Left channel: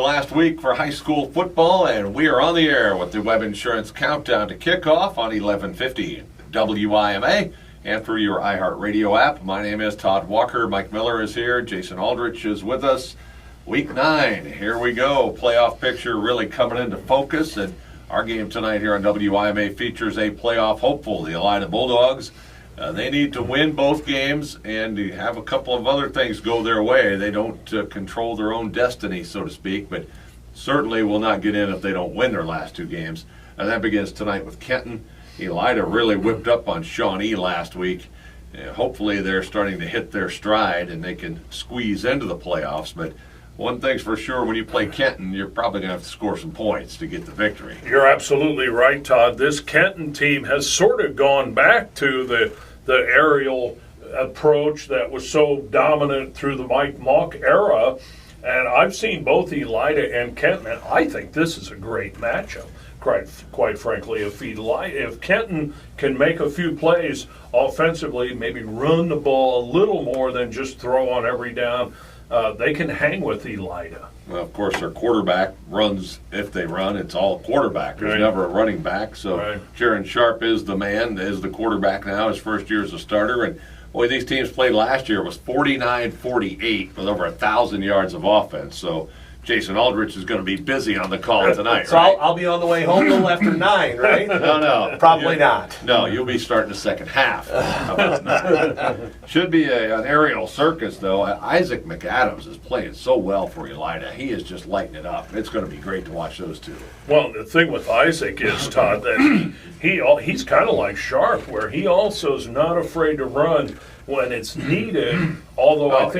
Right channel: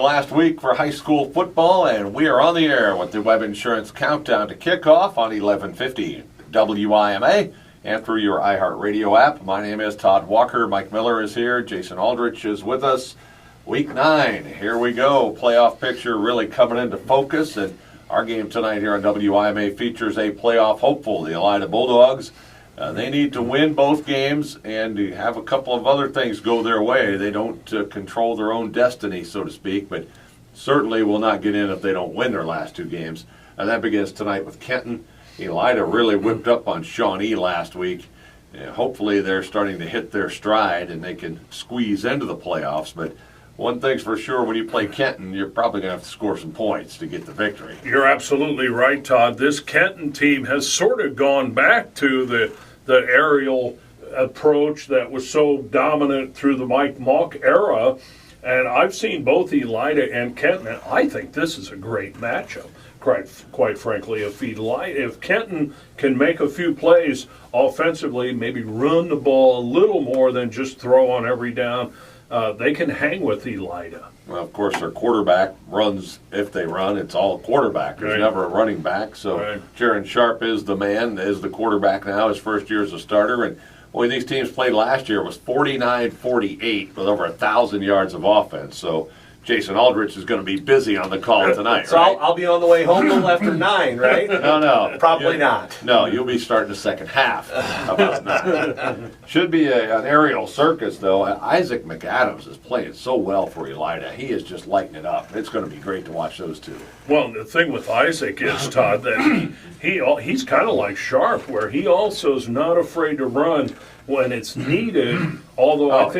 Last week for high school football, and we are on the air with the Web Insurance Countdown to Kickoff on 1150 WIMA and through your iHeartRadio app. My name is Todd Walker. Mike Miller is here. Jason Aldrich is with us. Week 9, here we go. Playoff picture really coming into focus, and our game tonight here on WIMA features a playoff hopeful, the Elida Bulldogs. They need to win both games and have a couple of other things go their way. They don't control their own destiny, so to speak, but certainly will not get in if they don't win their last two games. And that begins tonight with Kenton. Elida really whipped up on Shawnee last week. Hopefully they're starting to hit their stride and they can squeeze into the playoffs. But one thing's for sure, when you play Kenton, you're probably going to have to score some points to get the victory. You're absolutely right, Todd. This Kenton team has sort of gone back to the aerial approach that was so dominant through the Mike Mock era. And I've seen both Elida and Kenton, and I think this is a great matchup. Quite frankly, if Kenton can make a few plays offensively, maybe run the ball a little more than just throw on every down, they can hang with Elida. Well, of course, their quarterback runs. If they run, it's all quarterback. There's never a running back. So Jaron Sharp is the man, is the quarterback now, his first year as a starter. And boy, these teams played last year. It was 49-48 with over 1,000 yards of offense. So Jason Aldrich is going to be busy on the call tonight, so right? I'll be on the way home a little after 9, right? No. Probably not. No, you'll be starting the second half. About 9. Should be an aerial circus, though. Isaac McAdams is playing so well for Elida. He is just lighting it up. It's going to be great to watch those two. Well, the thing with Isaac is, Todd, that he's kind of like Sharp, where he also is not afraid to run when it's needed. Although I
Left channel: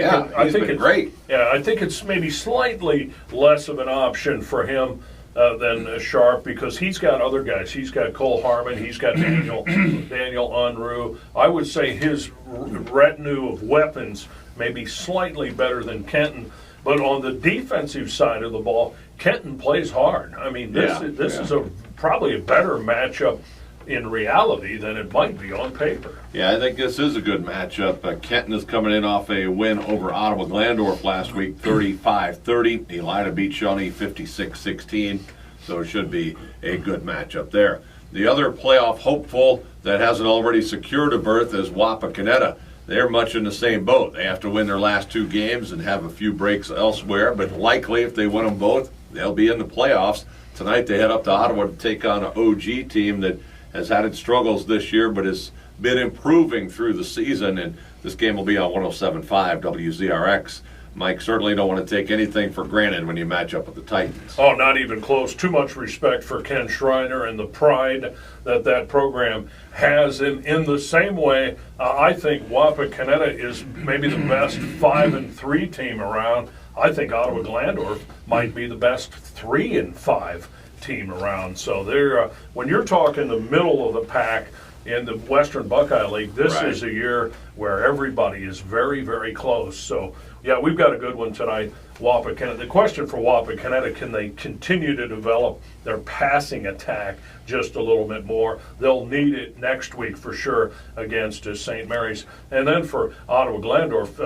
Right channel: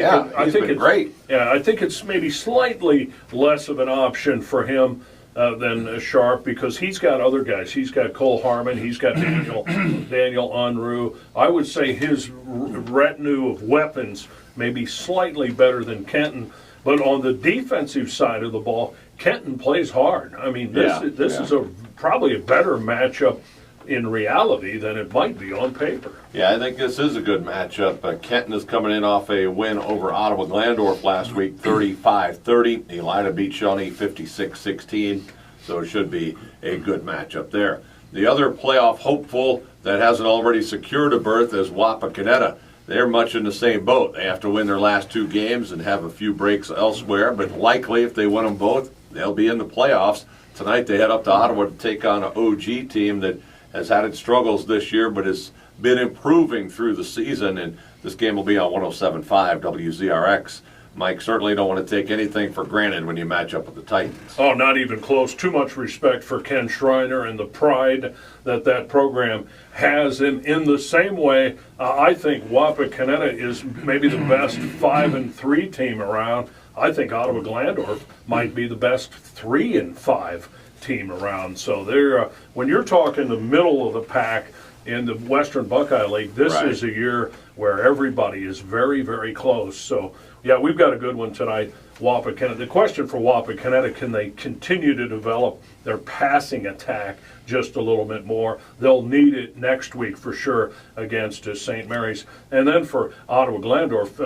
think great. Yeah, I think it's maybe slightly less of an option for him than Sharp, because he's got other guys. He's got Cole Harmon. He's got Daniel Unruh. I would say his retinue of weapons may be slightly better than Kenton. But on the defensive side of the ball, Kenton plays hard. I mean, this is probably a better matchup in reality than it might be on paper. Yeah, I think this is a good matchup. Kenton is coming in off a win over Ottawa Glandorf last week, 35-30. Elida beat Shawnee 56-16, so it should be a good matchup there. The other playoff hopeful that hasn't already secured a berth is Wapakoneta. They're much in the same boat. They have to win their last two games and have a few breaks elsewhere, but likely if they win them both, they'll be in the playoffs. Tonight they head up to Ottawa to take on an OG team that has had its struggles this year, but has been improving through the season, and this game will be on 107.5 WZRX. Mike, certainly don't want to take anything for granted when you match up with the Titans. Oh, not even close. Too much respect for Ken Schreiner and the pride that program has. In the same way, I think Wapakoneta is maybe the best 5-3 team around. I think Ottawa Glandorf might be the best 3-5 team around. So they're when you're talking the middle of the pack in the Western Buckeye League, this is a year where everybody is very, very close. So yeah, we've got a good one tonight. Wapakoneta. The question for Wapakoneta, can they continue to develop their passing attack just a little bit more? They'll need it next week for sure against St. Mary's. And then for Ottawa Glandorf,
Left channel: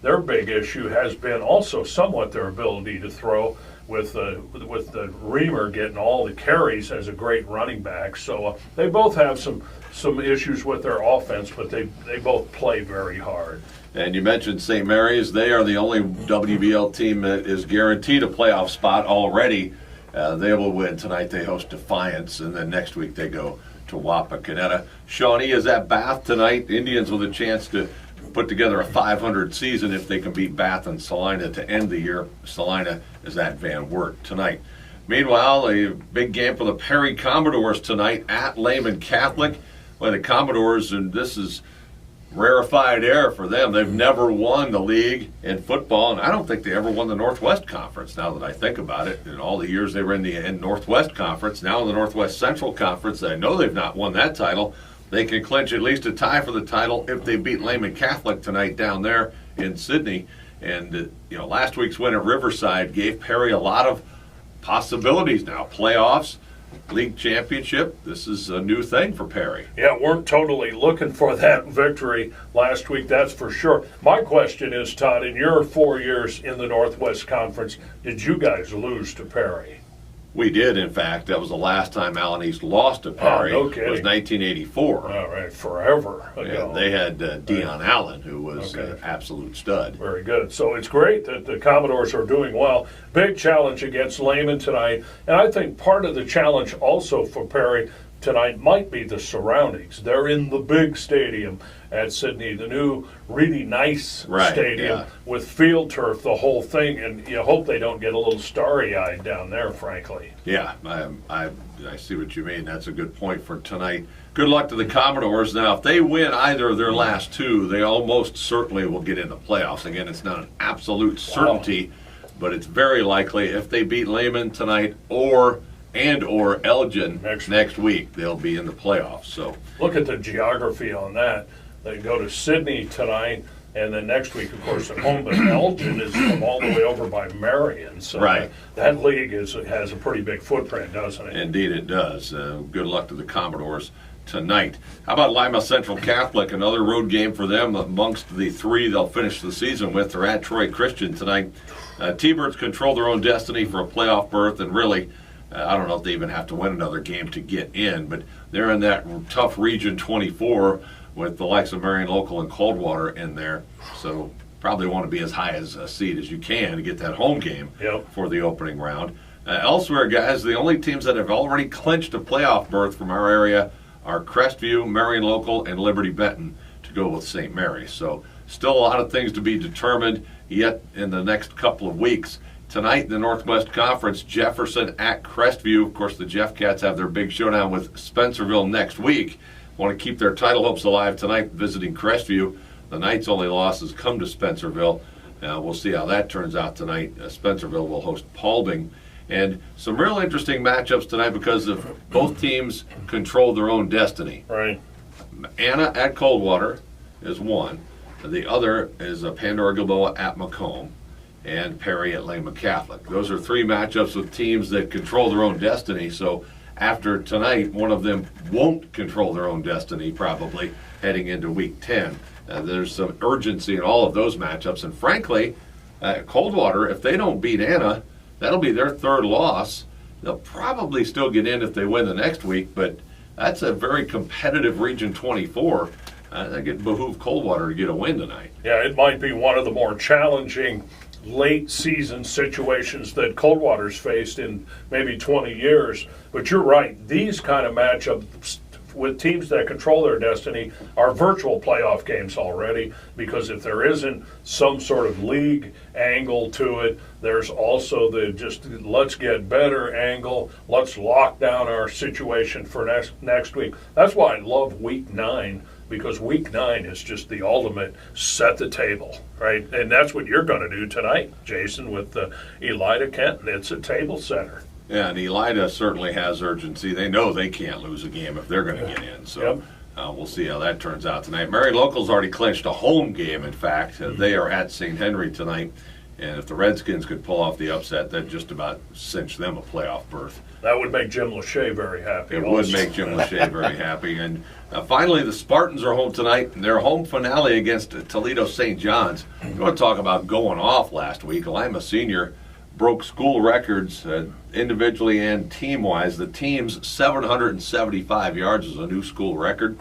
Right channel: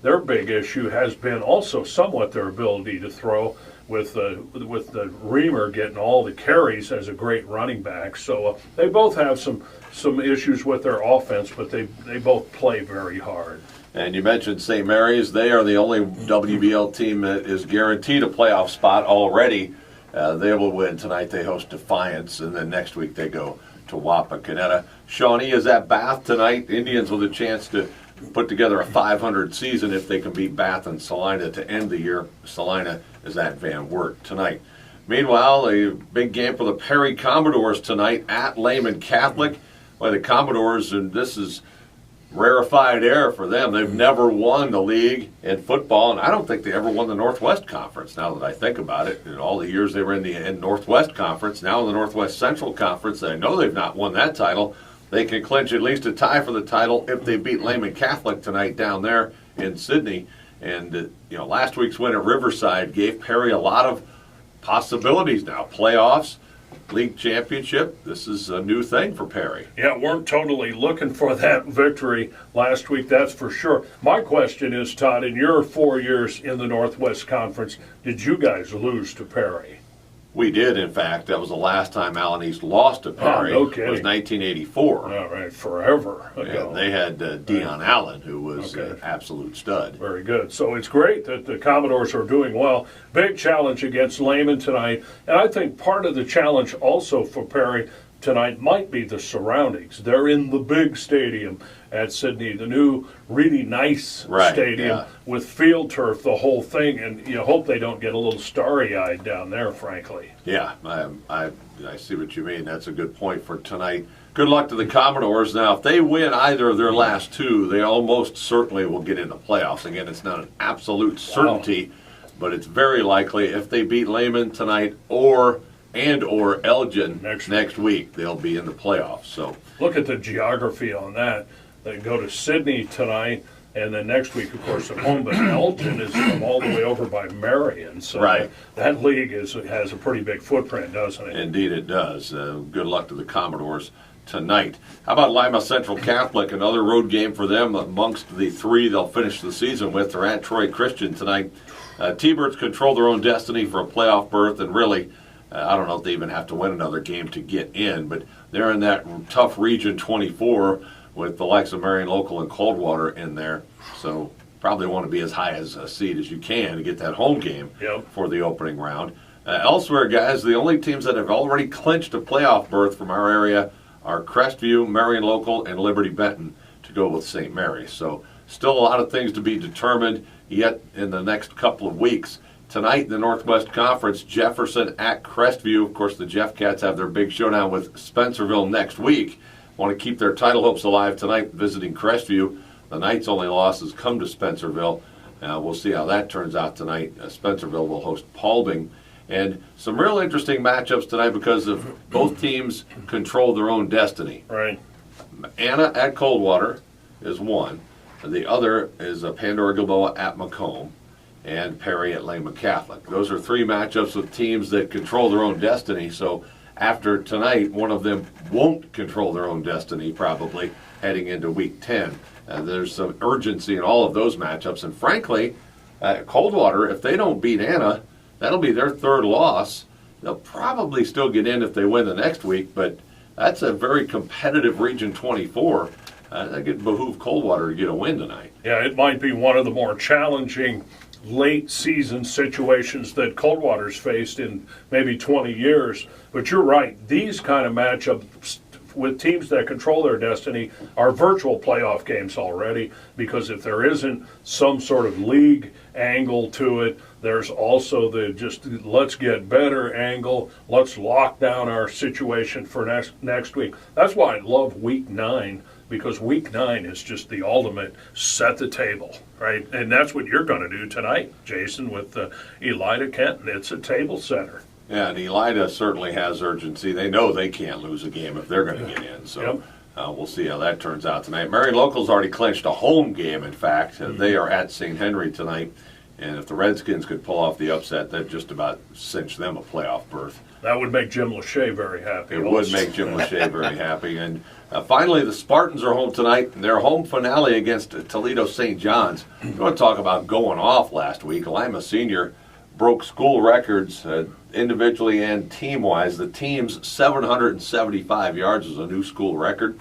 their big issue has been also somewhat their ability to throw, with the Reamer getting all the carries as a great running back. So they both have some issues with their offense, but they both play very hard. And you mentioned St. Mary's. They are the only WBL team that is guaranteed a playoff spot already. They will win tonight. They host Defiance, and then next week they go to Wapakoneta. Shawnee is at Bath tonight. Indians with a chance to put together a 500 season if they can beat Bath and Salina to end the year. Salina is at Van Wert tonight. Meanwhile, a big game for the Perry Commodores tonight at Lehman Catholic. Well, the Commodores, and this is rarefied air for them. They've never won the league in football, and I don't think they ever won the Northwest Conference, now that I think about it. In all the years they were in the Northwest Conference, now in the Northwest Central Conference, I know they've not won that title. They can clinch at least a tie for the title if they beat Lehman Catholic tonight down there in Sydney. And, last week's win at Riverside gave Perry a lot of possibilities now. Playoffs, league championship. This is a new thing for Perry. Yeah, weren't totally looking for that victory last week, that's for sure. My question is, Todd, in your 4 years in the Northwest Conference, did you guys lose to Perry? We did, in fact. That was the last time Allen East lost to Perry. Oh, no kidding. It was 1984. All right, forever ago. Yeah, they had Dion Allen, who was an absolute stud. Very good. So it's great that the Commodores are doing well. Big challenge against Lehman tonight. And I think part of the challenge also for Perry tonight might be the surroundings. They're in the big stadium at Sydney, the new really nice stadium with field turf, the whole thing, and you hope they don't get a little starry-eyed down there, frankly. Yeah, I see what you mean. That's a good point for tonight. Good luck to the Commodores. Now, if they win either of their last two, they almost certainly will get into playoffs. Again, it's not an absolute certainty, but it's very likely if they beat Lehman tonight or Elgin next week, they'll be in the playoffs. So look at the geography on that. They go to Sydney tonight, and then next week, of course, at home. But Elgin is from all the way over by Marion. So that league has a pretty big footprint, doesn't it? Indeed it does. Good luck to the Commodores tonight. How about Lima Central Catholic? Another road game for them amongst the three they'll finish the season with. They're at Troy Christian tonight. T-Birds control their own destiny for a playoff berth, and really, I don't know if they even have to win another game to get in, but they're in that tough Region 24 with the likes of Marion Local and Coldwater in there. So probably want to be as high as a seed as you can to get that home game for the opening round. Elsewhere, guys, the only teams that have already clinched a playoff berth from our area are Crestview, Marion Local, and Liberty Benton to go with St. Mary's. So still a lot of things to be determined yet in the next couple of weeks. Tonight in the Northwest Conference, Jefferson at Crestview. Of course, the Jeff Cats have their big showdown with Spencerville next week. Want to keep their title hopes alive tonight visiting Crestview. The Knights' only losses come to Spencerville. We'll see how that turns out tonight. Spencerville will host Paulding. And some real interesting matchups tonight because of both teams control their own destiny. Right. Anna at Coldwater is one. The other is Pandora Gilboa at Macomb. And Perry at Lehman Catholic. Those are three matchups with teams that control their own destiny. So after tonight, one of them won't control their own destiny, probably, heading into Week 10. There's some urgency in all of those matchups. And frankly, Coldwater, if they don't beat Anna, that'll be their third loss. They'll probably still get in if they win the next week, but that's a very competitive Region 24. I think it behooves Coldwater to get a win tonight. Yeah, it might be one of the more challenging late season situations that Coldwater's faced in maybe 20 years. But you're right, these kind of matchups with teams that control their destiny are virtual playoff games already, because if there isn't some sort of league angle to it, there's also the just let's get better angle, let's lock down our situation for next week. That's why I love Week 9, because Week 9 is just the ultimate set the table, right? And that's what you're going to do tonight, Jason, with Elida Kenton. It's a table setter. Yeah, and Elida certainly has urgency. They know they can't lose a game if they're going to get in. So we'll see how that turns out tonight. Marion Local's already clinched a home game, in fact. They are at St. Henry tonight. And if the Redskins could pull off the upset, that'd just about cinch them a playoff berth. That would make Jim Lachey very happy. It would make Jim Lachey very happy. And finally, the Spartans are home tonight. Their home finale against Toledo St. John's. You want to talk about going off last week. Lima Senior broke school records individually and team-wise. The team's 775 yards was a new school record.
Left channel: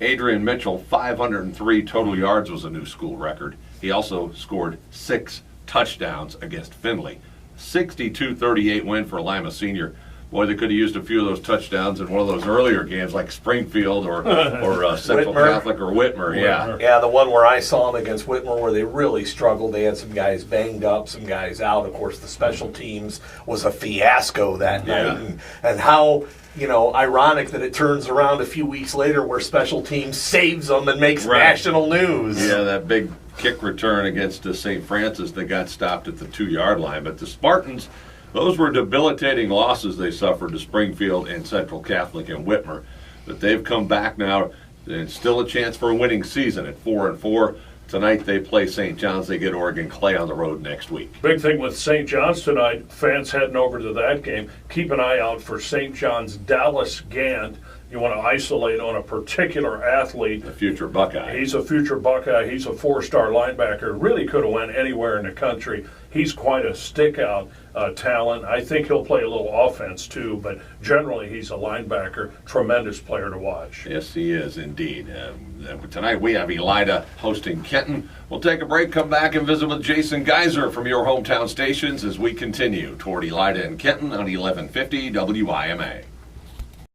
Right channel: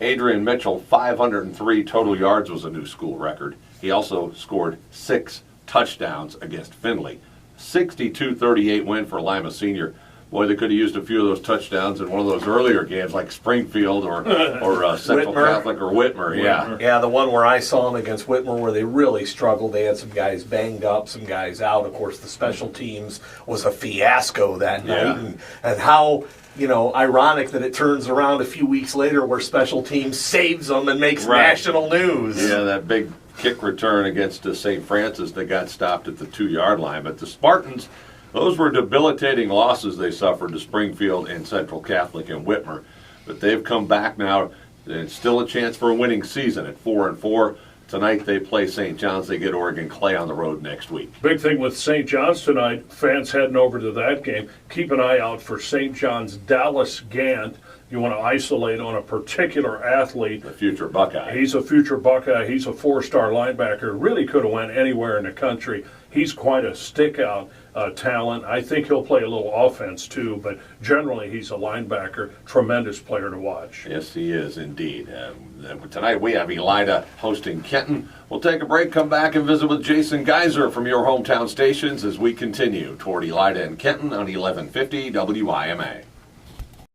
Adrian Mitchell, 503 total yards was a new school record. He also scored 6 touchdowns against Findlay. 62-38 win for Lima Senior. Boy, they could have used a few of those touchdowns in one of those earlier games like Springfield or Central Catholic or Whitmer. Yeah, the one where I saw them against Whitmer where they really struggled. They had some guys banged up, some guys out. Of course, the special teams was a fiasco that night. And how, ironic that it turns around a few weeks later where special teams saves them and makes national news. Yeah, that big kick return against St. Francis that got stopped at the 2-yard line. But the Spartans, those were debilitating losses they suffered to Springfield and Central Catholic and Whitmer. But they've come back now. There's still a chance for a winning season at 4-4. Tonight they play St. John's. They get Oregon Clay on the road next week. Big thing with St. John's tonight, fans heading over to that game, keep an eye out for St. John's Dallas Gant. You want to isolate on a particular athlete. A future Buckeye. He's a future Buckeye. He's a four-star linebacker. Really could have went anywhere in the country. He's quite a stick-out talent. I think he'll play a little offense too, but generally he's a linebacker. Tremendous player to watch. Yes, he is indeed. Tonight we have Elida hosting Kenton. We'll take a break, come back and visit with Jason Geiser from your hometown stations as we continue toward Elida and Kenton on 1150 WIMA.